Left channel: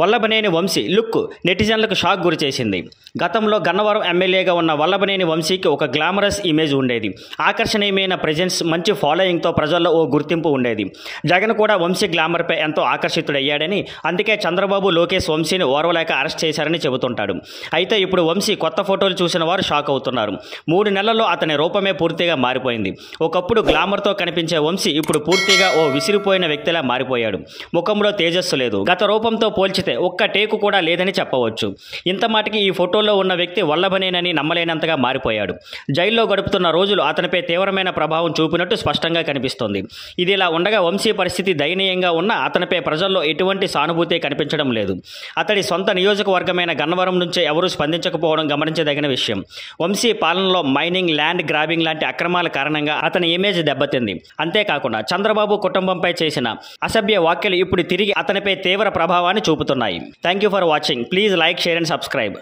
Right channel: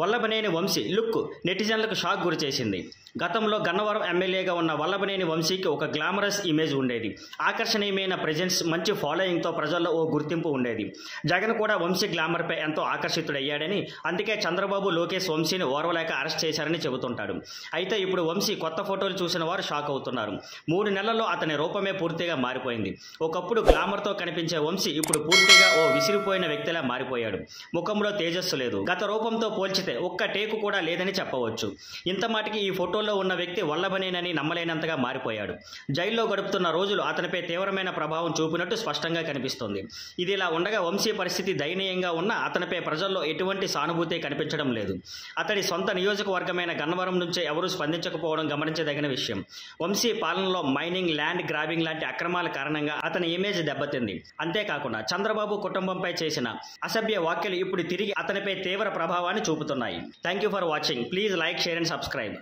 Vallabhaneni Vamsi look నెటిజన్లకు shock గురిచేసింది. గతంలో గన్నవరం ఎమ్మెల్యేగా ఉన్న వల్లభనేని వంశీకి ఒక గ్లామరస్ ఇమేజ్ ఉండేది. ఆకర్షణీయమైన ప్రెజెన్స్, మంచి ఫాలోయింగ్తో ప్రజల్లో ఓ గుర్తింపు ఉండేది. జగన్ కూడా వంశీ గ్లామర్పై ఎంతో ఆకర్షితుడయ్యాడని, అందుకే చంద్రబాబు, లోకేష్ వంశీని ఓర్వలేక అరెస్ట్ చేశారని చెబుతుంటాడు. అయితే ఇప్పుడు వంశీ కొత్త ఫోటోలు చూసిన వారు షాక్ అవుతున్నారు. 3 నెలల్లో అతని రూపమే పూర్తిగా మారిపోయింది. ఒకప్పుడు గ్లామర్తో కనిపించే వంశీ ఇప్పుడు పూర్తిగా ఓ విసిరిపోయిన వ్యక్తిలా మారిపోయాడు. ముఖంలో తేజస్సు లేదు. గత రూపంతో పోల్చితే ఒక్క టేకు కూడా లేదని చెప్పవచ్చు. ఇంత మాటికి ఈ ఫోటోల్లో ఉన్న వ్యక్తి వల్లభనేనని నమ్మలేనంతగా మారిపోయాడు. జైల్లో గడుపుతున్న రోజులు అతనిపై తీవ్రమైన ప్రభావం చూపినట్టు స్పష్టంగా కనిపిస్తోంది. ఇది ఇలా ఉండగా వంశీ పరిస్థితి దయనీయంగా ఉన్నా అతనిపై ప్రజల్లో ఎటువంటి సానుభూతి కనిపించడం లేదు. అతడి సొంత నియోజకవర్గమైన గన్నవరం నుంచే ఎవరూ స్పందించకపోవడం గమనించదగిన విషయం. వంశీ పాలనలో మైనింగ్, ల్యాండ్ గ్రాబింగ్ లాంటి అక్రమాల కారణంగా అతని ఇమేజ్ దెబ్బతింది. అంతేకాకుండా చంద్రబాబు కుటుంబంపై చేసిన అసభ్య వ్యాఖ్యలు ఇప్పుడు తిరిగి అతనిపై తీవ్ర ప్రభావాన్ని చూపుతున్నాయి. Thank you for watching. Please like, share and subscribe.